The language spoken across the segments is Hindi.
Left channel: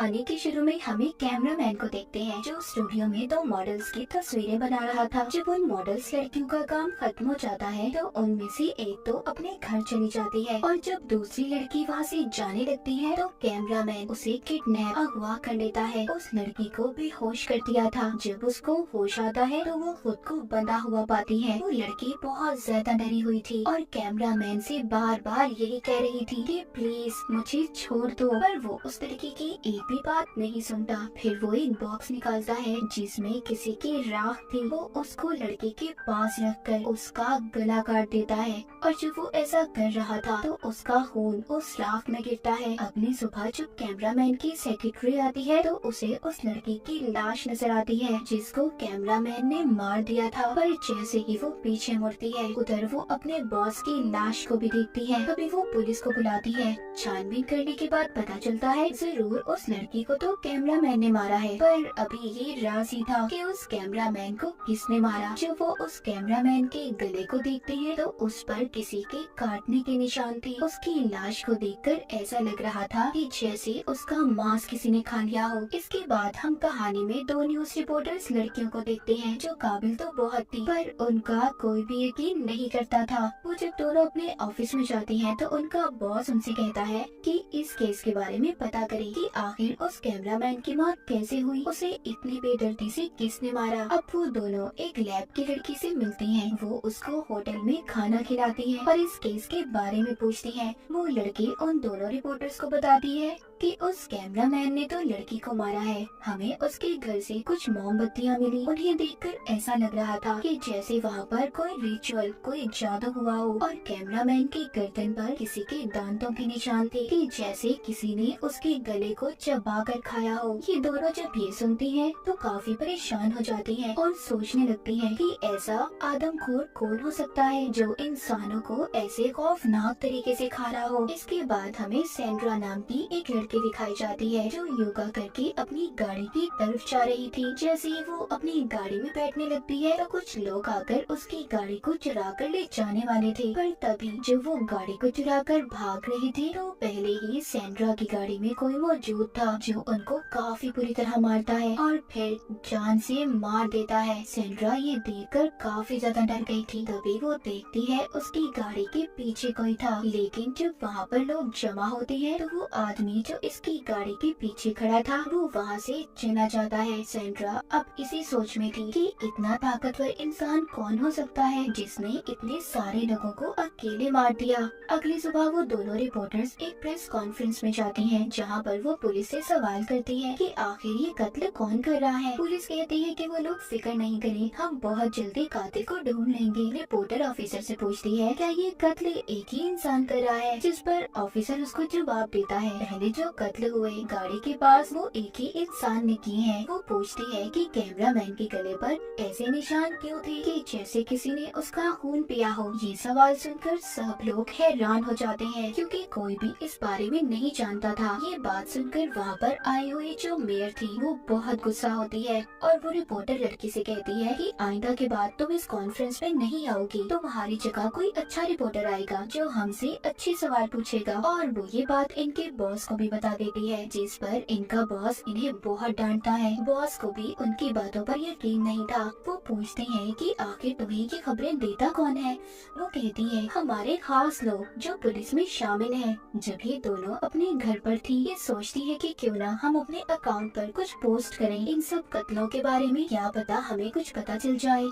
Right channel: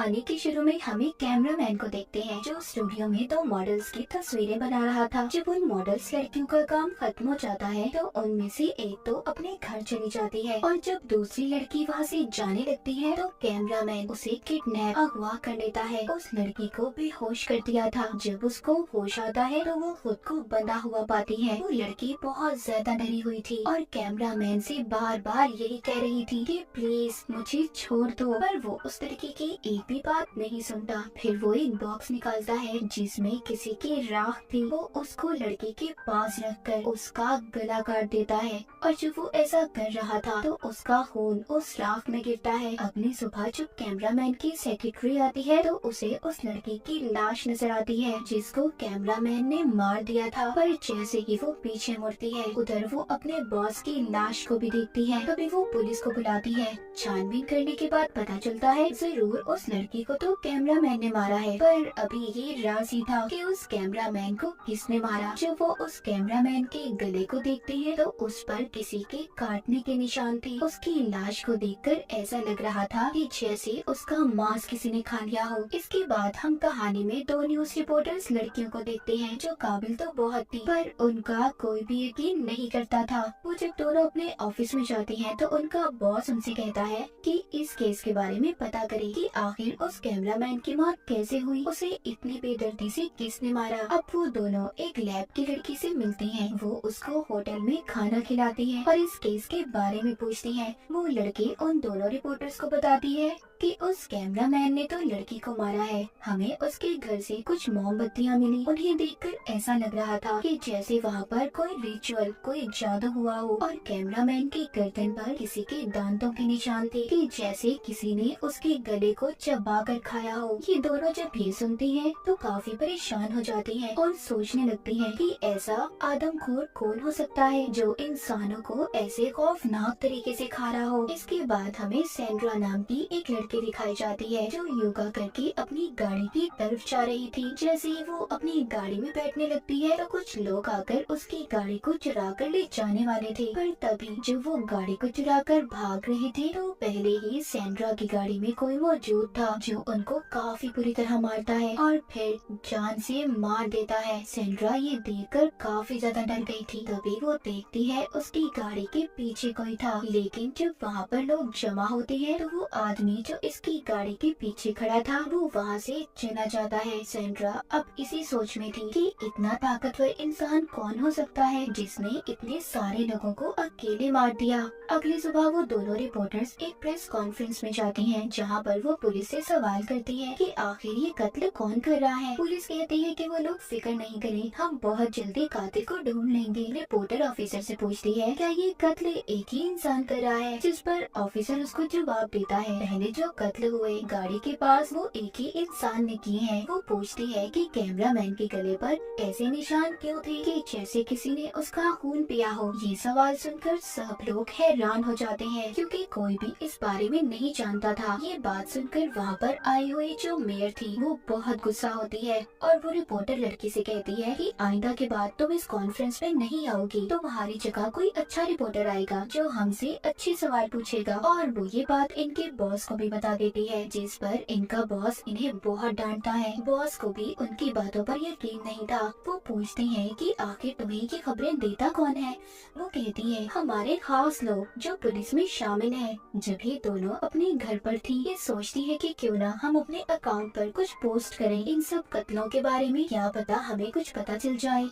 कहानी के शुरू में हमें कैमरामैन को देखते हैं जो स्टूडियो में दो मॉडल्स की तस्वीरें बना रहा था। जब उन मॉडल्स लड़कियों का काम खत्म हो जाता है तो उनमें से एक तो अपने घर चली जाती है और जब दूसरी लड़की वहाँ से जाने लगती है तो कैमरामैन उसे किडनैप अगवा कर लेता है। उस लड़की को बेहोश कर दिया था। जब उसको होश आता है तो वो खुद को बंधा हुआ पाती है। वो लड़की बहुत ज्यादा डरी हुई थी और कैमरामैन से बार बार यही कह रही थी कि प्लीज मुझे छोड़ दो, पर वो उस लड़की की एक भी बात नहीं सुनता। फिर वो एक बॉक्स निकालता है जिसमें किसी की राख थी। वो उसको लड़की के पास रखकर उसका गला काट देता है और जब वो ऐसा कर रहा था तो उसका खून उस राख में गिरता है। अगली सुबह जब कैमरामैन की सेक्रेटरी आती है तो उसे उस लड़की की लाश नजर आती है जिसको कैमरामैन ने मार दिया था। पर जैसे ही वो पीछे मुड़ती है उधर वो अपने बॉस की लाश को भी देखती है। तभी वो पुलिस को बुलाती है। छानबीन करने के बाद पता चलता है जरूर उस लड़की को तो कैमरामैन ने मारा है, पर अभी ये राज ही था कि उस कैमरामैन को किसने मारा। जब वो उस कैमरामैन के गले को देखते हैं तो उस पर किसी के काटने के निशान थे। उसकी लाश को देखकर ऐसा लग रहा था कि जैसे उसका मांस किसी ने खा लिया हो। इसके बाद हम कहानी में दो न्यूज रिपोर्टर्स लड़कियों को देखते हैं जो काबिल तो बहुत थी पर उनका कोई भी यकीन नहीं करता था। वो जब दोनों अपने ऑफिस में जाती हैं तो उनका बॉस उनसे कहता है कि इस केस के बारे में पता करें कि आखिर उस कैमरामैन की मौत कैसे हुई, उसे इतनी बेदर्दी से किसने मारा। अब वो दोनों एक लैब की लड़की से मिलते हैं। वो उसको होटल में खाना खिलाती है और इस केस के बारे में पूछती है। वो लड़की उन दोनों रिपोर्टर्स को बताती है कि उस कैमरामैन ने तो लड़की को मारा है। हमें उसके घर से कुछ मोमबत्तियां मिली। उन्हें देखकर ऐसा लग रहा था कि जैसे वहाँ पर कोई रिचुअल, कोई जादू हुआ हो। और कैमरामैन की गर्दन पर किसी के दांतों के निशान थे कि जैसे किसी ने उसके गले को चबा कर खाया हो। ये दोनों जब ये सुनती हैं तो काफी परेशान हो जाती हैं और सोचने लगती हैं कि ऐसा आदमखोर कौन हो सकता है जो इंसानों को ऐसे खौफनाक तरीके से खा रहा हो। इसके बाद हमें सैंड्रा नाम की एक लड़की दिखाई जाती है जो योगा करके अपनी गाड़ी की तरफ जा रही थी। जैसे ही वो अपनी गाड़ी में बैठने लगती है तो कुछ लोग आकर उसकी गाड़ी को चुरा कर ले जाने वाले थे, पर तभी जब वो गाड़ी को चुरा कर भाग रहे थे तो पहले ही सैंड्रा की गाड़ी में कोई मौजूद था जो उनको काफी बुरी तरह मारता है और फिर जान से मार देता है। सैंड्रा ये देखकर काफी ज्यादा डर गई थी। तभी वो देखती है उसकी गाड़ी के पीछे कोई था, लेकिन जब वहाँ पर लोग जमा होते हैं तो वो आदमी जो इसकी गाड़ी के पीछे खड़ा था वो वहाँ से चला जाता है। सैंड्रा अब इसी सोच में थी कि इतना ताकतवर इंसान कौन हो सकता है जिसने इतने सारे लोगों को अकेले मार दिया। अगली सुबह वो दोनों रिपोर्टर्स एक प्रेस कॉन्फ्रेंस में जाती हैं जहाँ पर वो पुलिस से सवाल करती हैं कि आखिर ये कत्ल कौन कर रहा है। पुलिस कहती है कि वो लोग फिक्र नहीं करें, हम बहुत जल्दी कातिल को ढूंढ लेंगे। रिपोर्टर ऑफिसर से पूछती है क्या ये कत्ल एक ही इंसान कर रहा है, जिस पर ऑफिसर उसको जवाब देता है पहले जो कत्ल हुए गाड़ी के पास वो एक ही इंसान ने किए हैं। वो पूछती है कि कैमरामैन के गले पर ऐसे निशान क्यों थे कि जैसे किसी ने उसका खून पिया हो। ये सवाल सुनकर सब लोग हैरान हो जाते हैं क्योंकि कोई भी इस बारे में नहीं जानता था। ये बात सुनकर वहाँ पर आई हुई जो मेयर थी वो बहुत गुस्सा होती है और वो रिपोर्टर लड़की से कहती है कि आइंदा के बाद तुम इस कॉन्फ्रेंस में नहीं आओगी, तो तुम्हारी जगह कोई अच्छा रिपोर्टर आएगा जो हमसे अच्छे सवाल पूछेगा। और वो ये बात इनके बॉस को भी बता देती है, जिस पर इनका बॉस इन्हें बहुत डांटता है। बॉस को भी उनकी बातों पर यकीन नहीं था। वो पूछते हैं कि आखिर तुम्हें ये खबरें देता कौन है। वो कहती है हमारे खास लोग जो पुलिस में शामिल हैं। जब ये दोनों अपने घर पर थी ये सोचती है कि क्यों ना हम अपने अकाउंट पर कुछ पोस्ट करें इन सब कत्लों के बारे में, क्या पता हमें कुछ पता चल जाए।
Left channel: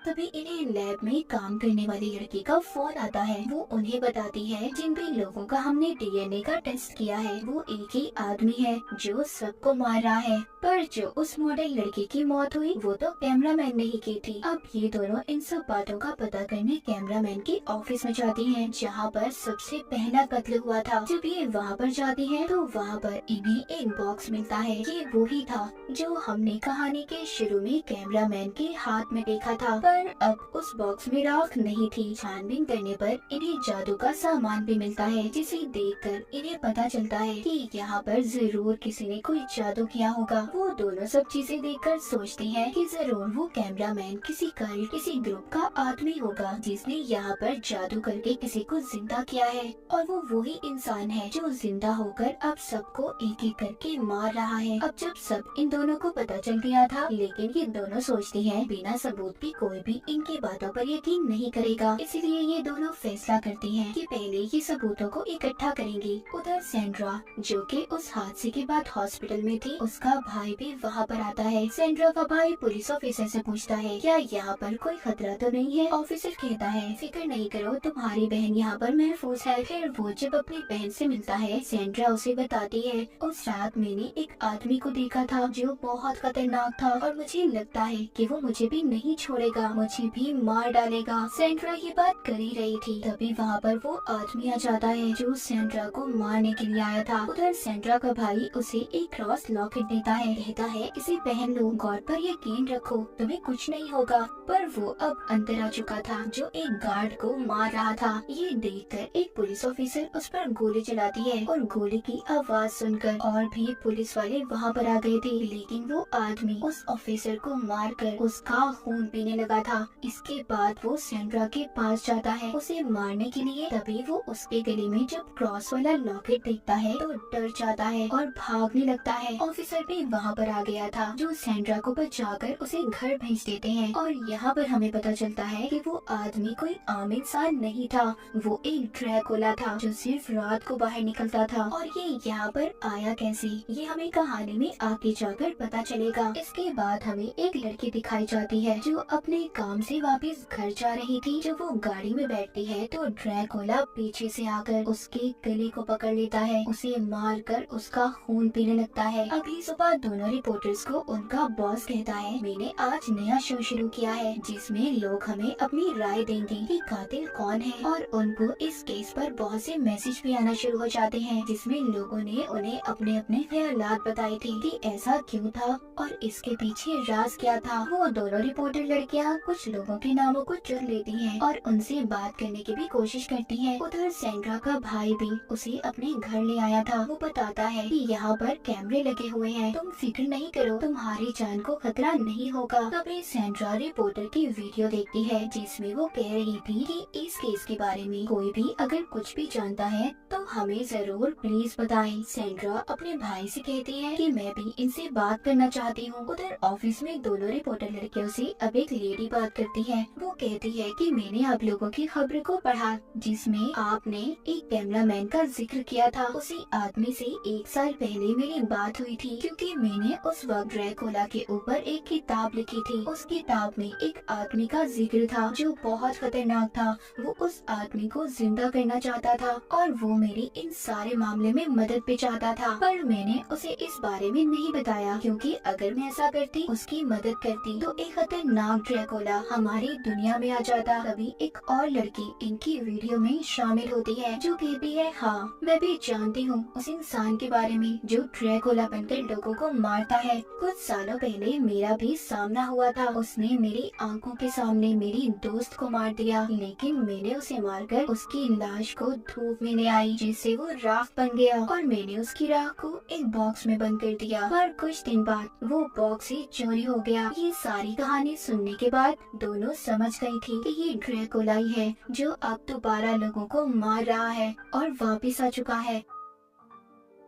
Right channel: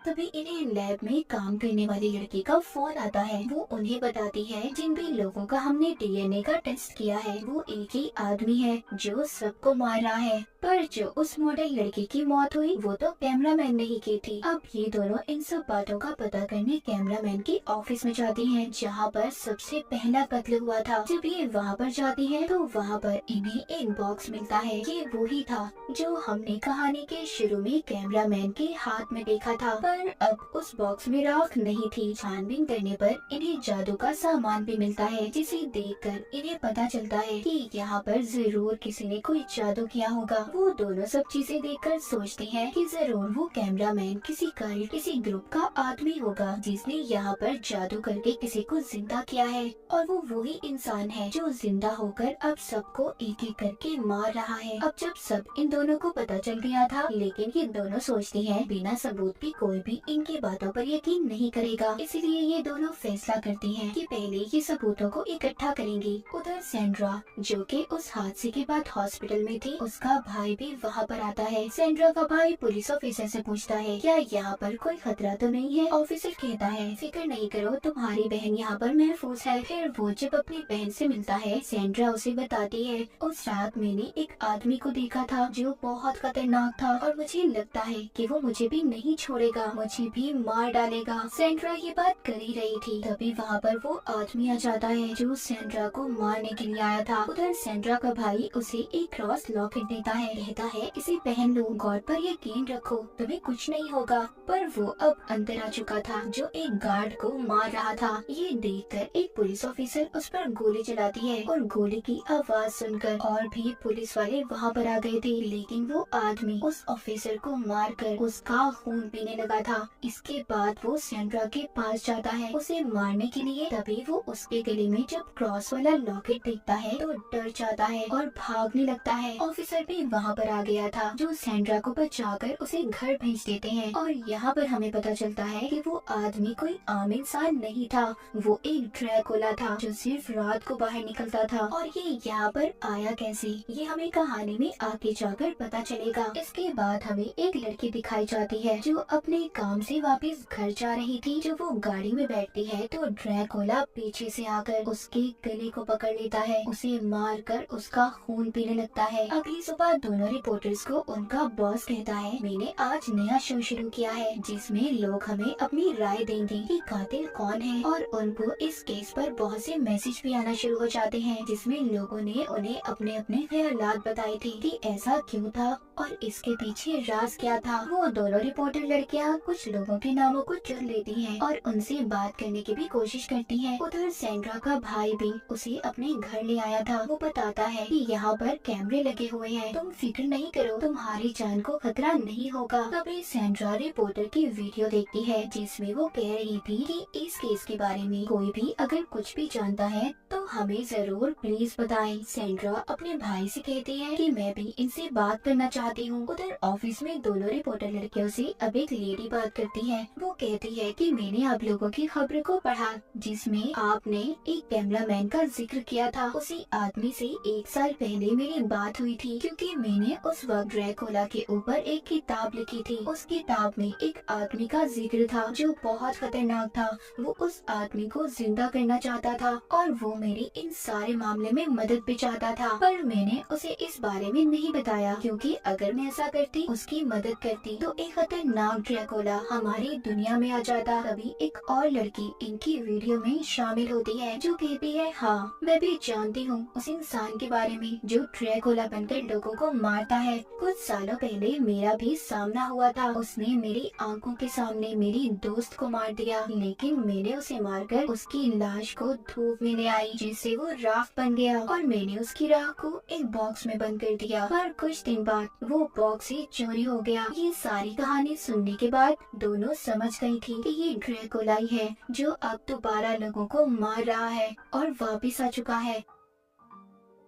तभी इन्हें लैब में काम करने वाली लड़की का फोन आता है। वो उन्हें बताती है जिन भी लोगों का हमने डीएनए का टेस्ट किया है वो एक ही आदमी है जो सबको मार रहा है, पर जो उस मॉडल लड़की की मौत हुई वो तो कैमरामैन ने ही की थी। अब ये दोनों इन सब बातों का पता करने कैमरामैन की ऑफिस में जाती हैं जहाँ पर सबसे पहला कत्ल हुआ था। जब ये वहाँ पर जाती हैं तो वहाँ पर इन्हें एक बॉक्स मिलता है। ये वही था जो हमने कहानी के शुरू में कैमरामैन के हाथ में देखा था, पर अब उस बॉक्स में राख नहीं थी। छानबीन करने पर इन्हें जादू का सामान भी मिलता है जिसे देखकर इन्हें पता चलता है कि यहाँ पर जरूर किसी ने कोई जादू किया होगा। वो दोनों सब चीजें देखकर सोचती हैं कि जरूर वो कैमरामैन किसी कल्ट, किसी ग्रुप का आदमी होगा जिसने यहाँ पर जादू करके किसी को जिंदा किया है, और वो वही इंसान है जो जिंदा होकर अब सबको एक एक करके मार रहा है। अब जब सब इन दोनों को पता चल गया था, लेकिन ये दोनों सोचती हैं बिना सबूत के कोई भी इनकी बातों पर यकीन नहीं करेगा, इसलिए ये दोनों फैसला करती हैं कि पहले ये सबूतों को इकट्ठा करेंगी। उधर सेंड्रा, जो कि उस हादसे के बाद हॉस्पिटल में थी, उसका भाई भी वहाँ पर आता है। सेंड्रा का भाई पुलिस ऑफिसर से पूछता है, क्या यहाँ पर कोई खतरा तो नहीं है? ऑफिसर कहता है, फिक्र नहीं करो, तुम्हारी बहन यहाँ पर महफूज है। फिर वो जब अपनी बहन से मिलता है, सेंड्रा उसे बताती है, उस रात मैंने एक आदमी को देखा था जो बहुत खतरनाक था, और मुझे लगता है कि वो मुझे भी नहीं छोड़ेगा, मुझे भी मार डालेगा। सेंड्रा ये बात कर ही रही थी, तभी वहाँ पर वो आदमी आ जाता है जो सेंड्रा को मारने के लिए आया था। उधर सेंड्रा का भाई उसे एक क्रॉस लॉकेट देता है, कहता है इसे पहन लो, गॉड पर यकीन रखो, तुम्हें कुछ नहीं होगा। पर वो अब अंदर आ चुका था जो एक गार्ड को मार रहा था। ये देखकर एक पुलिस ऑफिसर उस पर गोली चलाती है, और गोली की आवाज सुनकर और भी पुलिस वाले वहाँ पर आ गए थे, लेकिन वो आदमी उस ऑफिसर को मारकर उसका खून पीने लगा था। इसके बाद वो सेंड्रा के पास जाता है उसे मारने के लिए, तभी वो उसके गले में जब क्रॉस वाला लॉकेट देखता है तो डर जाता है और भागने लगता है। ऑफिसर भी वहाँ पर आ गया था जो सेंड्रा को बचाकर उसे घर भेज देते हैं, और यहाँ पर हमें पता चलता है कि वो आदमी कोई आम इंसान नहीं था, वो एक ड्रैकुला था जो सिर्फ रात को बाहर निकलता था। और ये यहाँ पर आया कैसे, ये हमें कहानी में आगे जाकर पता चलेगा। इसके बाद हमें एक लड़की दिखाई जाती है जो अपने काम से वापस घर जा रही थी। जब वो गाड़ी में बैठती है तो ड्रैकुला पीछे से आकर उसके गले को पकड़ लेता है, उसे मारकर उसका खून पीने लगता है। अगली सुबह दोनों रिपोर्टर्स को उनका बॉस कहता है, मैंने आज नया शो शुरू किया है जिसमें लोग हमें अपनी राय देंगे कि कातिल कौन है, और उनको इस केस पर बहुत से मैसेज भी आना शुरू हो जाते हैं जिसमें लोगों ने उन्हें अपने अपने ख्यालात बताए थे कि ऐसा क्यों था और इसके पीछे राज क्या था। वो दोनों रिपोर्टर लड़कियां कुछ लोगों के नामों को चुन लेती हैं और उनसे बात करने की भी कोशिश करती हैं। उधर सेंड्रा का भाई भी उसे अपने घर ले आया था। वो बताता है कि यहाँ पर कैमरे लगे हुए हैं, तुम फिक्र नहीं करो, तुम्हारी जान को खतरा नहीं होगा। तभी सेंड्रा रिपोर्टर की वीडियो देखती है जिसमें वो कह रही थी कि इस केस के बारे में कोई भी अगर कुछ भी जानता है तो हमें जरूर प्लीज बताएं। सेंड्रा अपने भाई से कहती है कि मैं भी इनसे बात करना चाहती हूँ। उधर ऑफिस में दोनों रिपोर्टर लड़कियों से अब एक लेडी बात करती है। वो कहती है कि मैंने आप लोगों की खबर को पढ़ा जिसमें आपने एक कैमरामैन का जिक्र किया था। उसी आदमी से 1 साल पहले मेरी बात हुई थी, क्योंकि मैंने उस वक्त ड्रैकुला के ऊपर एक किताब लिखी थी। उस किताब में एक आदमी का जिक्र था जो बहुत खतरनाक था। वो उस आदमी को जिंदा करना चाहता था और वो मेरी इन सारे मामले में मदद भी चाहता था, पर मैंने उसे इस बारे में नहीं बताया, क्योंकि अगर मैं ऐसा करती, उसकी मदद करती, तो एक खतरनाक ड्रैकुला हमारी दुनिया में आ जाता। तभी एक और लड़की इनकी वीडियो में शामिल होती है जो कहती है, हाँ मैं भी जानती हूँ उस इंसान के बारे में जो ड्रैकुला बनकर लोगों को मारता है। कुछ सालों पहले मेरा भी सामना हुआ था, उसने मेरी आंखों के सामने मेरी दोस्त को मार दिया, लेकिन मैंने उसे मारकर उसकी लाश को धूप में ले आई जिससे वो राख बन गया, और मैंने उसकी राख को एक बॉक्स में बंद कर दिया। पर कुछ दिन बाद वो बॉक्स ही चोरी हो गया। ये सारी कहानी सुनने के बाद दोनों समझ गई थी कि ये ड्रैकुला ही है जो अब दोबारा लोगों को मार रहा है और वापिस आ चुका है।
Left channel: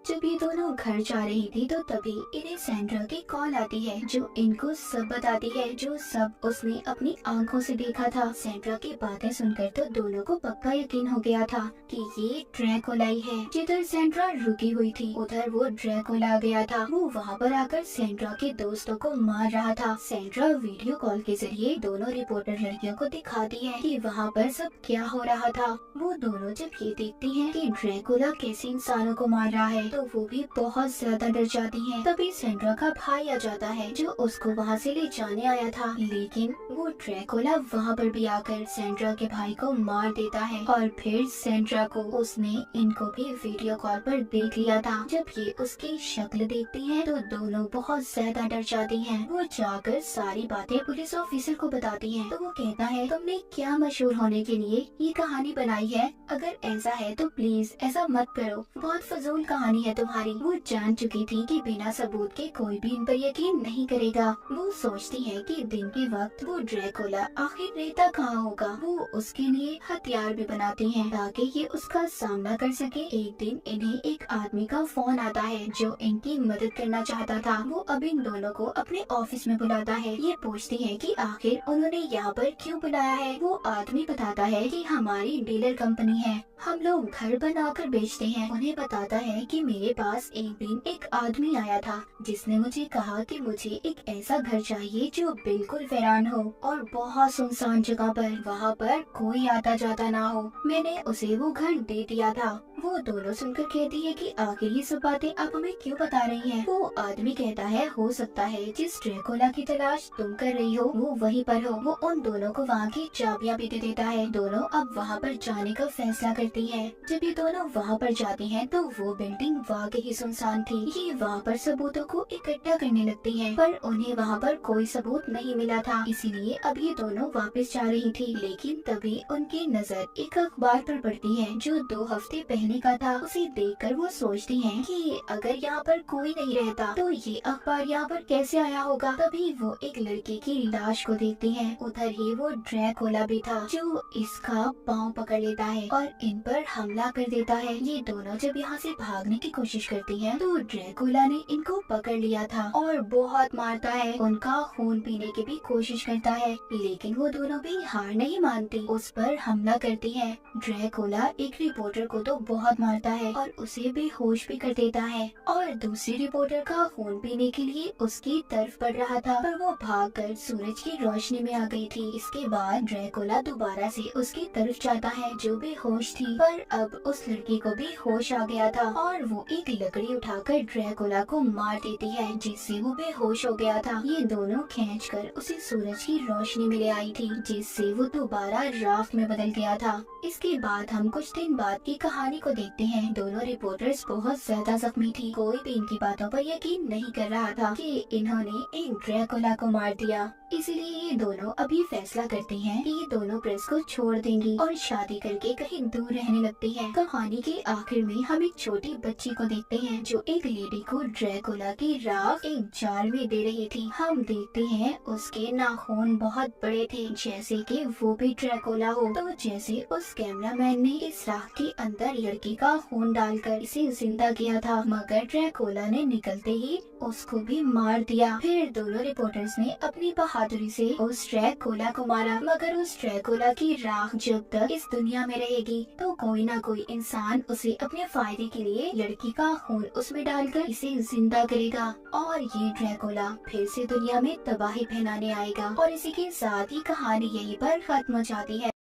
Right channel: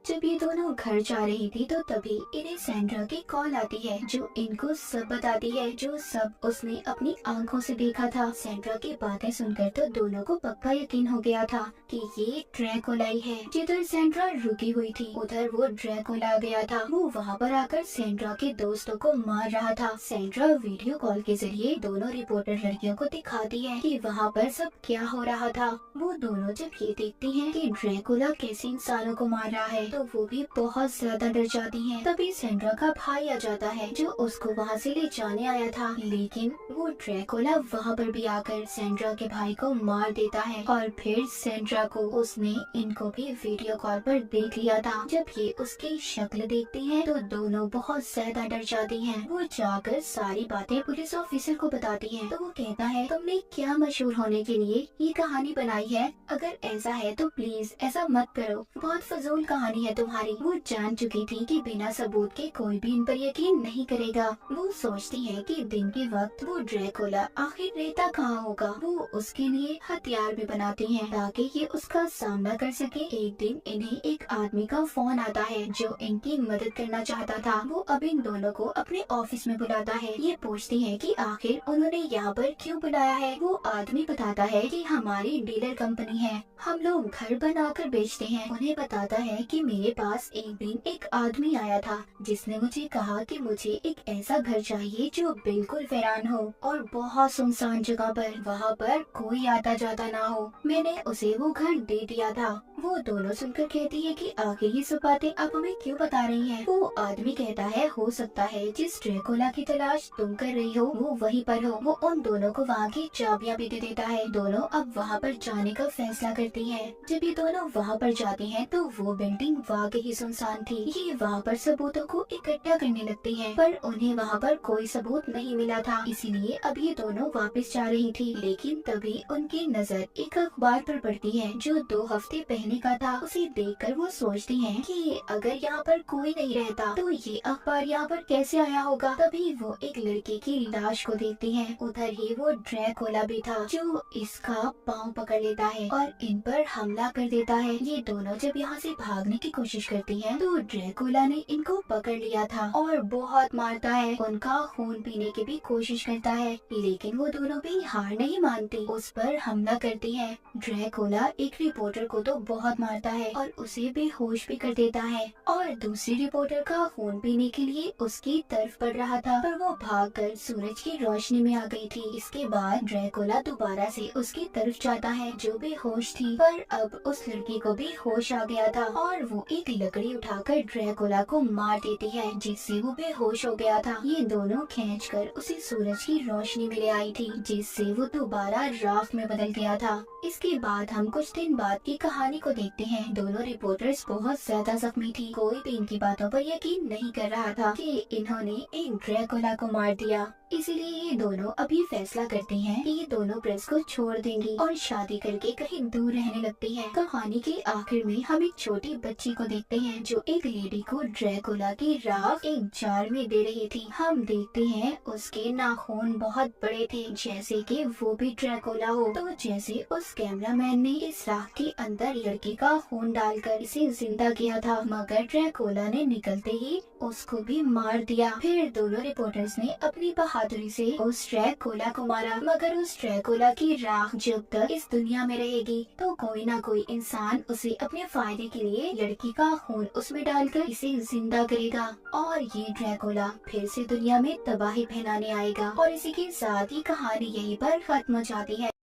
जब ये दोनों घर जा रही थी तो तभी इन्हें सेंड्रा की कॉल आती है जो इनको सब बताती है जो सब उसने अपनी आंखों से देखा था। सेंड्रा की बातें सुनकर तो दोनों को पक्का यकीन हो गया था कि ये ड्रैकुला ही है। जिधर सेंड्रा रुकी हुई थी उधर वो ड्रैकुला आ गया था। वो वहाँ पर आकर सेंड्रा के दोस्तों को मार रहा था। सेंड्रा वीडियो कॉल के जरिए दोनों रिपोर्टर लड़कियों को दिखाती है कि वहाँ पर सब क्या हो रहा था। वो दोनों जब ये देखती हैं कि ड्रैकुला कैसे इंसानों को मार रहा है तो वो भी बहुत ज्यादा डर जाती हैं। तभी सेंड्रा का भाई आ जाता है जो उसको वहाँ से ले जाने आया था, लेकिन वो ड्रैकुला वहाँ पर भी आकर सेंड्रा के भाई को मार देता है। और फिर सेंड्रा को उसने इनको भी वीडियो कॉल पर देख लिया था। जब ये उसकी शक्ल देखती हैं तो दोनों बहुत ज्यादा डर जाती हैं। वो जाकर सारी बातें पुलिस ऑफिसर को बताती हैं तो वो कहता है, तुमने क्या मशहूर होने के लिए ये कहानी बनाई है? अगर ऐसा है तो प्लीज ऐसा मत करो, बहुत फजूल कहानी दुश्मनी है तुम्हारी। वो जान चुकी थी कि बिना सबूत के कोई भी इन पर यकीन नहीं करेगा। वो सोचती है कि दिन के वक्त वो ड्रैकुला आखिर रहता कहाँ होगा। वो उसके लिए हथियार भी बनाती हैं ताकि ये उसका सामना कर सके। एक दिन इन्हें एक आदमी का फोन आता है जो इनकी मदद करना चाहता था। वो अब इन दोनों को अपने ऑफिस में बुलाता है। ये पूछती है कि आखिर उन्होंने यहाँ पर क्यों बुलाया है। वो आदमी बताता है कि हमारी डीलर कंपनी है, हम लोग घर बनाकर बेचते हैं। उन्हें बताता है कि मेरे पास एक दिन एक आदमी आया था जिसने मुझे कहा कि मुझे एक ऐसा घर चाहिए जो बिल्कुल वीरान हो और बहुत सुनसान जगह पर, वहाँ पर कोई आता जाता ना हो। मैंने उसे वो घर दे दिया था। वो दोनों सुनकर कहती है कि आखिर ये सब बातें आप हमें क्यों बता रही हैं? वो आदमी कहता है हो सकता है जिस ड्रैकुला की तलाश तुम कर रही हो वो वहीं पर हो। वो उन दोनों को वहाँ की चाबियां भी दे देता है। दोनों अब वहाँ पर जाने का फैसला करती है। जब ये दोनों वहाँ पर जाती हैं तो वो बिल्डिंग वाकई सुनसान थी। ये वहाँ पर सबूतों को इकट्ठा करने लगती हैं, पर उन्हें वहाँ पर कोई सबूत नहीं मिला था, इसीलिए अब ये दोनों वापस जा रही थी। लेकिन तभी उनकी नजर एक अखबार पर पड़ती है जो 2 हफ्ते पहले का था। उसे देखकर वो सोचती हैं कि अगर यहाँ पर कोई नहीं रहता तो ये अखबार यहाँ पर कैसे आया होगा। तभी वो एक लड़के की लाश को देखती हैं। उधर ही वो ड्रैकुला भी था जो इसका पाँव पकड़ लेता है और इन पर हमला कर देता है। ये दोनों जब यहाँ से भागने की कोशिश करती हैं तो ड्रैकुला ने इनको पकड़ लिया था और बहुत मारता है। उनका खून पीने की भी कोशिश करता है, लेकिन वो दोनों भी हार नहीं मानती, उस पर हमला करती है। ड्रैकुला एक रिपोर्टर को तो बहुत मारता है और उसे बेहोश भी कर देता है और दूसरी रिपोर्टर का खून पीने के लिए उसकी तरफ बढ़ रहा था, पर वो भागकर सूरज की रोशनी में आ गई थी। इसके बाद ड्रैकुला दोबारा से उसकी तरफ जाता है जो बेहोश थी, पर अब उस लड़की को भी होश आ गया था और वो एक लकड़ी उठाकर ड्रैकुला को मार देती है जिससे वो बेहोश हो गया था। ये दोनों खींचकर उसे सूरज की रोशनी में ले आई थी जिससे वो दोबारा राख में बदल गया था। इसके बाद हम कुछ दिन बाद की कहानी को देखते हैं। दोनों रिपोर्टर्स बहुत ज्यादा जख्मी थी। कोई भी इनकी बातों पर यकीन नहीं कर रहा था कि इन्होंने एक ड्रैकुला को मार दिया। इसीलिए ये दोनों अभी फैसला करते हैं कि ये दोनों प्रेस को छोड़ देंगी और शादी करके कहीं दूर रहने लगती हैं। कहानी के आखिर में हम एक छोटी बच्ची को देखते हैं जो एक लेडी को ड्रैकुला की राख एक जार में दे रही थी। हम देखते हैं उसके नाखून बहुत बड़े थे जैसे कि वो भी ड्रैकुला हो। तो जैसे उस कैमरामैन ने इस राख के अंदर लड़की का खून डालकर इसे जिंदा किया था, मगर ड्रैकुला ने निकलते ही उसको भी मार दिया। फिर दोनों रिपोर्टर्स ने अपनी बहादुरी से उस ड्रैकुला को मारा, मगर उस ड्रैकुला की राख जब तक इस दुनिया में रहेगी तो कोई ना कोई इंसान उसे अपने फायदे के लिए लड़की का खून उसमें डालकर इसे जिंदा करेगा और ये ड्रैकुला फिर से दुनिया में तबाही फैलाने आएगा। और इसी के साथ ही कहानी यहीं पर खत्म हो जाती है।